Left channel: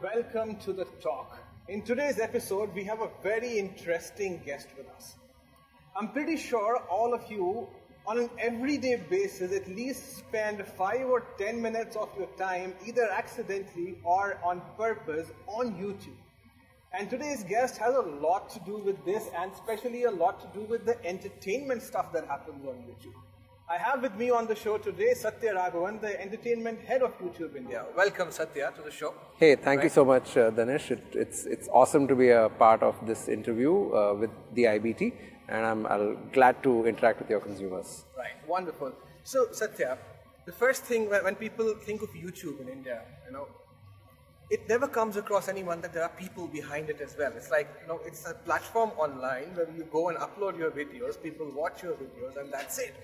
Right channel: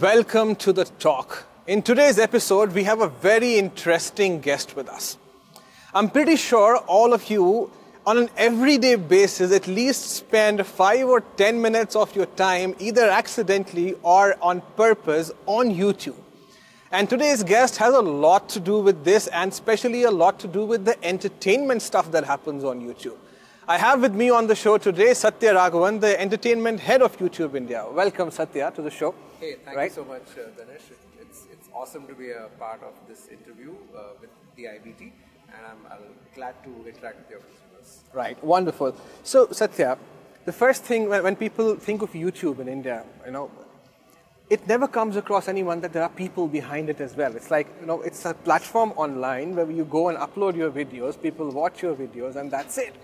Welcome to the talk. In today's episode, we have a very interesting guest with us. I'm pretty sure all of you, on an everyday basis, at least spend 5 or 10 minutes of your time, either accidentally or on purpose, on YouTube. And today's guest has a lot to do with this, and especially a lot to do with the entertainment stuff that happens on YouTube. I have with me on the show today Sathya Raghavan, the entertainment head of YouTube India. Welcome, Sathya, to the show. Hey, thank you so much, Danish. It's awesome to be a part of this interview with the IBT, and I'm glad to interact with your consumers. Right, wonderful. So, Sathya, the first thing when people think of YouTube in India, it never comes across anyone that there are people behind it as well. It's like, it's a platform online where you go and upload your videos, people watch your videos, and that's it.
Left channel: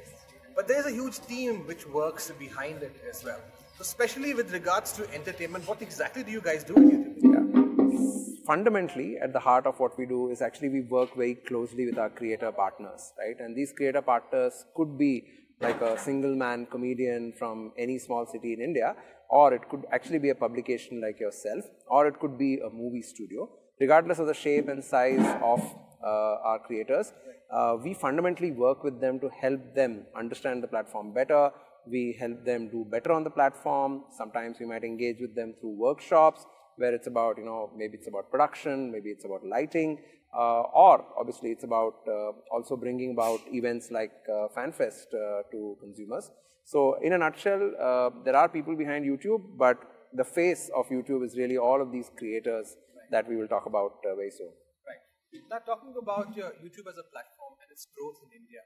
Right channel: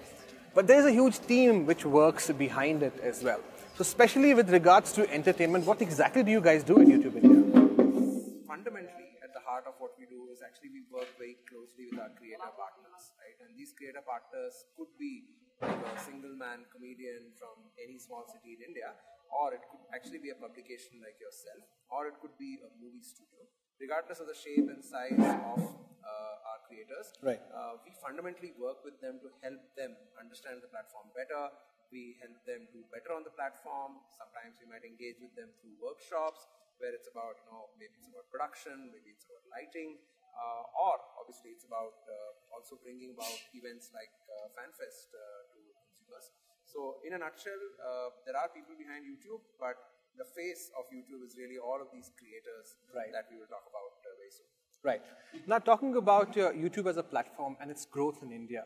But there's a huge team which works behind it as well. So especially with regards to entertainment, what exactly do you guys do in YouTube India? Fundamentally, at the heart of what we do is actually we work very closely with our creator partners, right? And these creator partners could be like a single man comedian from any small city in India, or it could actually be a publication like yourself, or it could be a movie studio. Regardless of the shape and size of our creators, right. We fundamentally work with them to help them understand the platform better. We help them do better on the platform. Sometimes we might engage with them through workshops where it's about, maybe it's about production, maybe it's about lighting, or obviously it's about also bringing about events like FanFest to consumers. So in a nutshell, there are people behind YouTube, but the face of YouTube is really all of these creators that we will talk about very soon. Right. Now, talking about YouTube as a platform and its growth in India,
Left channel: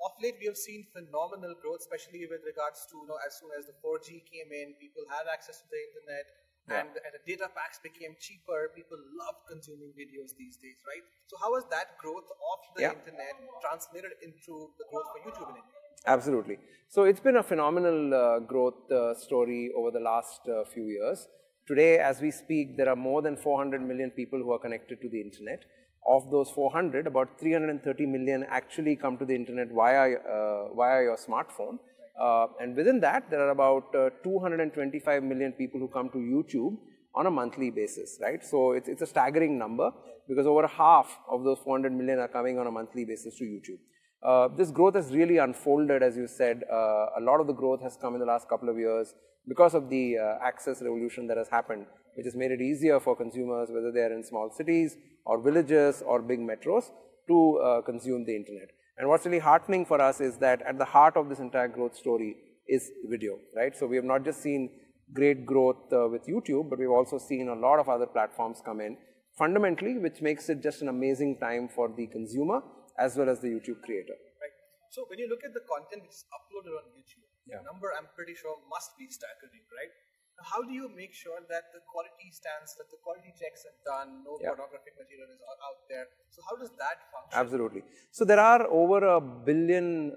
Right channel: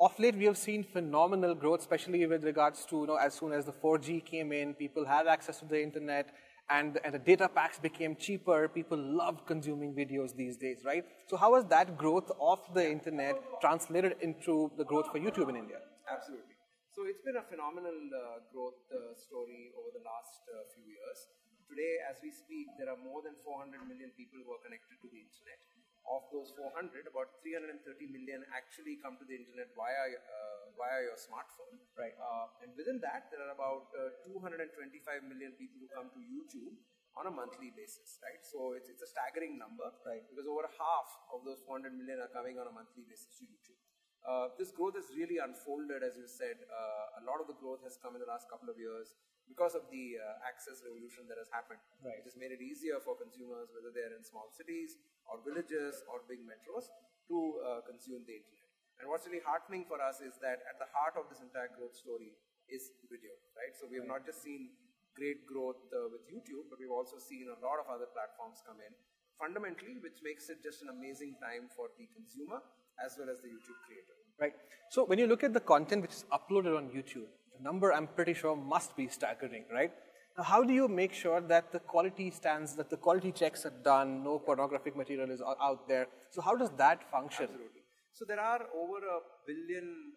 of late we have seen phenomenal growth, especially with regards to, as soon as the 4G came in, people had access to the internet, and the data packs became cheaper. People loved consuming videos these days, right? So how has that growth of the internet translated into the growth for YouTube in India? Absolutely. So it's been a phenomenal growth story over the last few years. Today, as we speak, there are more than 400 million people who are connected to the internet. Of those 400, about 330 million actually come to the internet via your smartphone. Right. And within that, there are about 225 million people who come to YouTube on a monthly basis, right? So it's a staggering number, because over half of those 400 million are coming on a monthly basis to YouTube. This growth has really unfolded, as you said. A lot of the growth has come in the last couple of years because of the access revolution that has happened, which has made it easier for consumers, whether they are in small cities or villages or big metros, to consume the internet. And what's really heartening for us is that at the heart of this entire growth story is video, right? So we have not just seen great growth with YouTube, but we've also seen a lot of other platforms come in, fundamentally, which makes it just an amazing time for the consumer as well as the YouTube creator. Right. So when you look at the content which is uploaded on YouTube, the number, I'm pretty sure, must be staggering, right? Now, how do you make sure that the quality stands, that the quality checks are done, no pornographic material is out there? So how does that function? Absolutely. So there are over 1 billion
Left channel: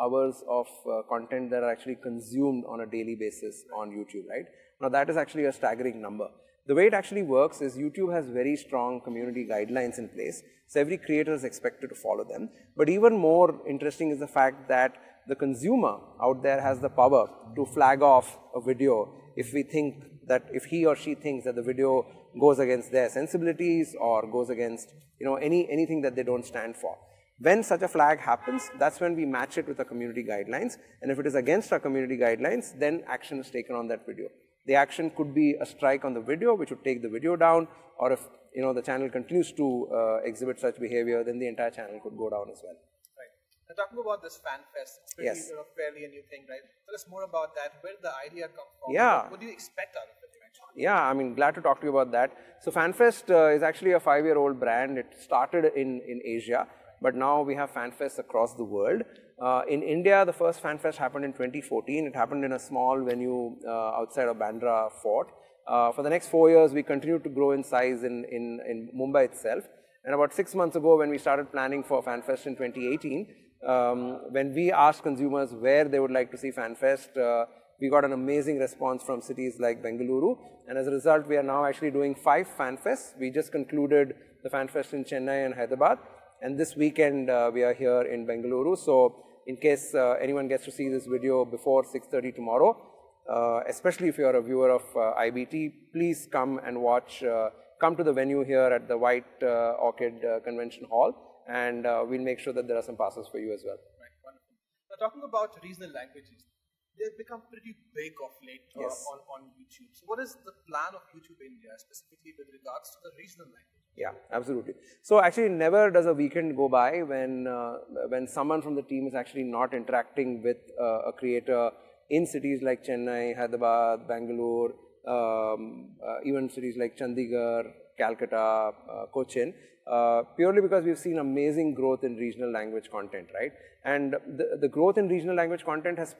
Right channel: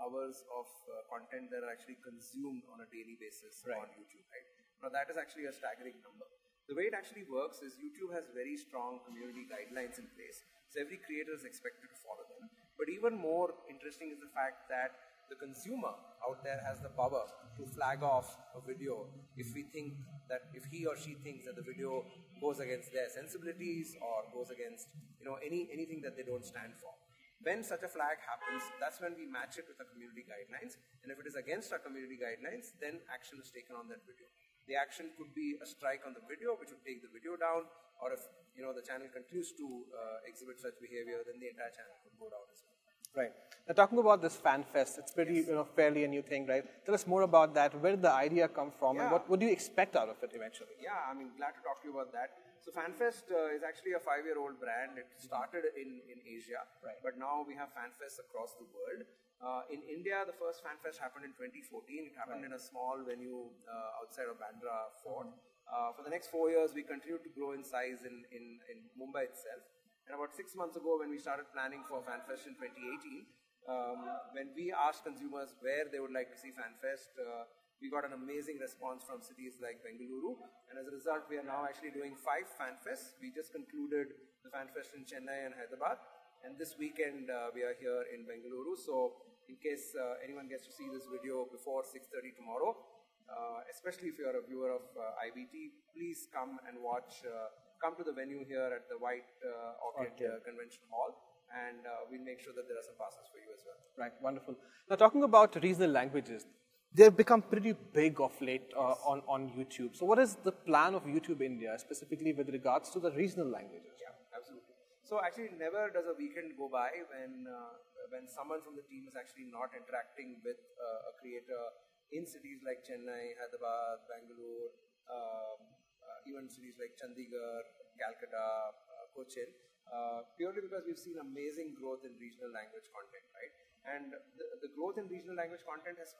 hours of content that are actually consumed on a daily basis on YouTube, right? Now that is actually a staggering number. The way it actually works is YouTube has very strong community guidelines in place. So every creator is expected to follow them. But even more interesting is the fact that the consumer out there has the power to flag off a video if he or she thinks that the video goes against their sensibilities or goes against anything that they don't stand for. When such a flag happens, that's when we match it with the community guidelines. And if it is against our community guidelines, then action is taken on that video. The action could be a strike on the video, which would take the video down, or if the channel continues to exhibit such behavior, then the entire channel could go down as well. Right. Now, talking about this FanFest, it's pretty fairly a new thing, right? Tell us more about that. Where did the idea come from? Yeah. What do you expect out of it eventually? Yeah, I mean, glad to talk to you about that. So FanFest is actually a 5-year-old brand. It started in Asia, but now we have FanFest across the world. In India, the first FanFest happened in 2014. It happened in a small venue outside of Bandra Fort. For the next 4 years, we continued to grow in size in Mumbai itself. And about 6 months ago, when we started planning for FanFest in 2018, when we asked consumers where they would like to see FanFest, we got an amazing response from cities like Bengaluru. And as a result, we are now actually doing 5 FanFests. We just concluded the FanFest in Chennai and Hyderabad. And this weekend, we are here in Bengaluru. So in case anyone gets to see this video before 6:30 tomorrow, especially if you're a viewer of IBT, please come and watch, come to the venue here at the White Orchid Convention Hall, and we'll make sure that there are some passes for you as well. Right, wonderful. Now, talking about regional languages, they've become pretty big of late on YouTube. So what is the plan of YouTube India, specifically with regards to the regional languages? Yeah, absolutely. So actually never does a weekend go by when someone from the team is actually not interacting with a creator in cities like Chennai, Hyderabad, Bangalore, even cities like Chandigarh, Calcutta, Cochin, purely because we've seen amazing growth in regional language content, right? And the growth in regional language content is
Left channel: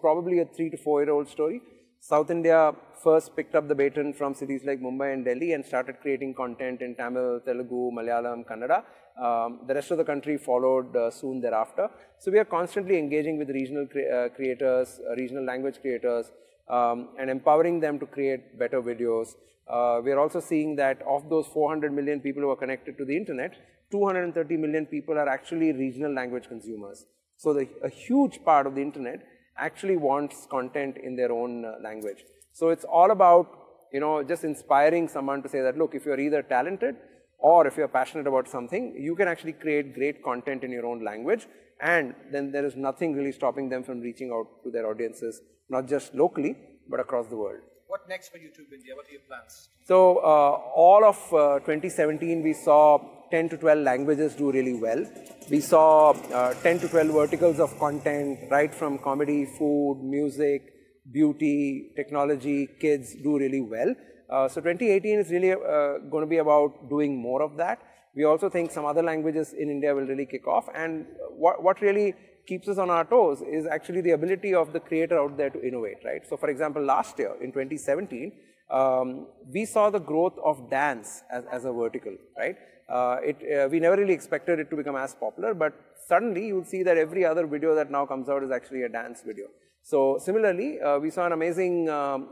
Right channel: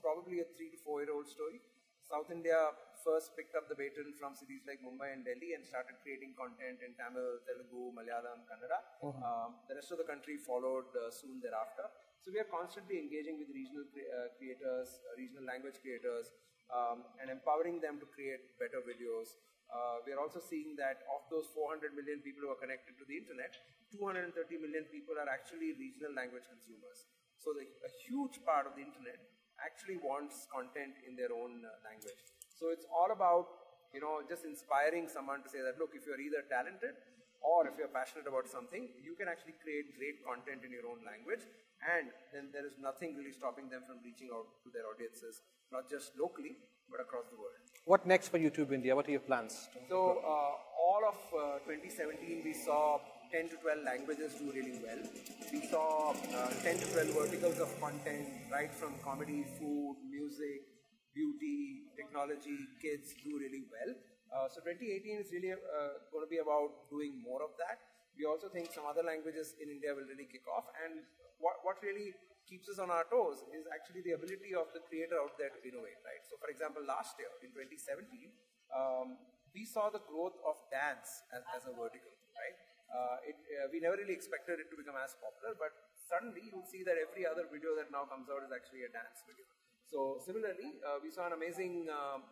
probably a 3 to 4 year old story. South India first picked up the baton from cities like Mumbai and Delhi and started creating content in Tamil, Telugu, Malayalam, Kannada. The rest of the country followed soon thereafter. So we are constantly engaging with regional creators, regional language creators, and empowering them to create better videos. We are also seeing that of those 400 million people who are connected to the internet, 230 million people are actually regional language consumers. So a huge part of the internet actually wants content in their own language. So it's all about, you know, just inspiring someone to say that, look, if you're either talented or if you're passionate about something, you can actually create great content in your own language, and then there is nothing really stopping them from reaching out to their audiences, not just locally, but across the world. What next for YouTube India? What are your plans? So all of 2017, we saw 10 to 12 languages do really well. We saw 10 to 12 verticals of content, right from comedy, food, music, beauty, technology, kids do really well. So 2018 is really going to be about doing more of that. We also think some other languages in India will really kick off. And what really keeps us on our toes is actually the ability of the creator out there to innovate, right? So for example, last year in 2017, we saw the growth of dance as a vertical, right? We never really expected it to become as popular, but suddenly you will see that every other video that now comes out is actually a dance video. So similarly, we saw an amazing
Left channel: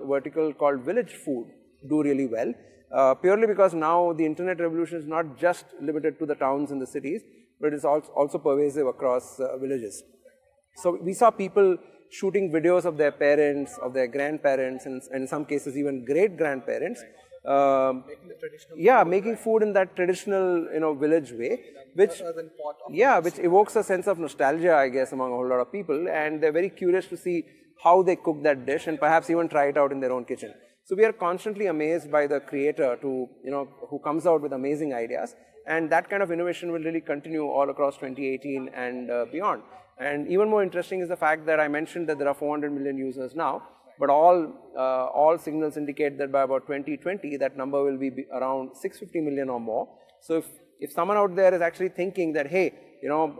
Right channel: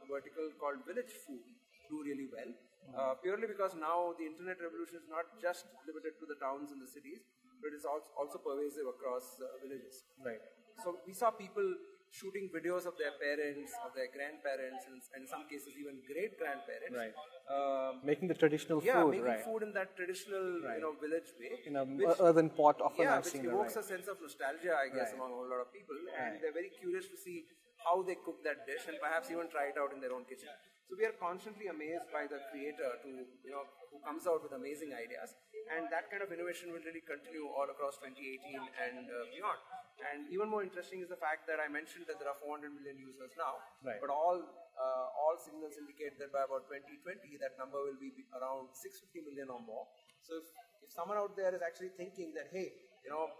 vertical called village food do really well, purely because now the internet revolution is not just limited to the towns and the cities, but it's also pervasive across villages. Right. So we saw people shooting videos of their parents, of their grandparents, and in some cases even great-grandparents. Right. Making the traditional food, making food in that traditional, you know, village way. In a earthen pot. Which evokes a sense of nostalgia, I guess, among a whole lot of people, and they're very curious to see how they cook that dish and perhaps even try it out in their own kitchen. So we are constantly amazed by the creator who comes out with amazing ideas, and that kind of innovation will really continue all across 2018 and beyond. And even more interesting is the fact that I mentioned that there are 400 million users now, but all signals indicate that by about 2020, that number will be around 650 million or more. So if someone out there is actually thinking that, hey, you know,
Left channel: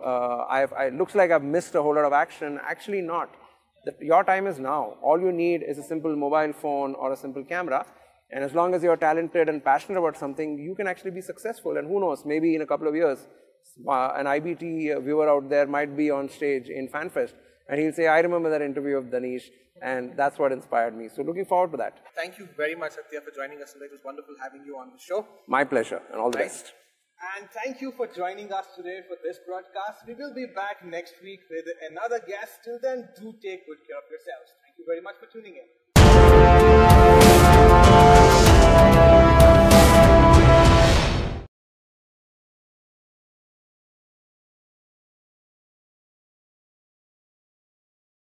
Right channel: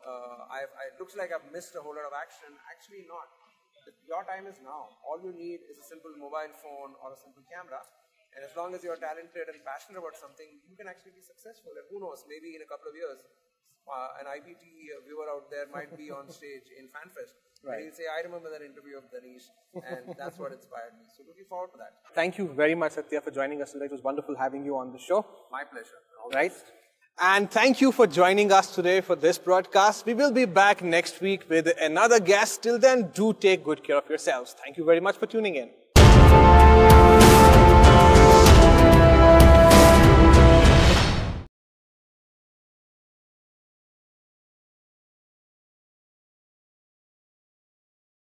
it looks like I've missed a whole lot of action, actually not. Your time is now. All you need is a simple mobile phone or a simple camera. And as long as you're talented and passionate about something, you can actually be successful. And who knows, maybe in a couple of years, an IBT viewer out there might be on stage in FanFest. And he'll say, I remember that interview of Danish, and that's what inspired me. So looking forward to that. Thank you very much, Sathya, for joining us today. It was wonderful having you on the show. My pleasure, and all the best. And thank you for joining us today for this broadcast. We will be back next week with another guest. Till then, do take good care of yourselves. Thank you very much for tuning in.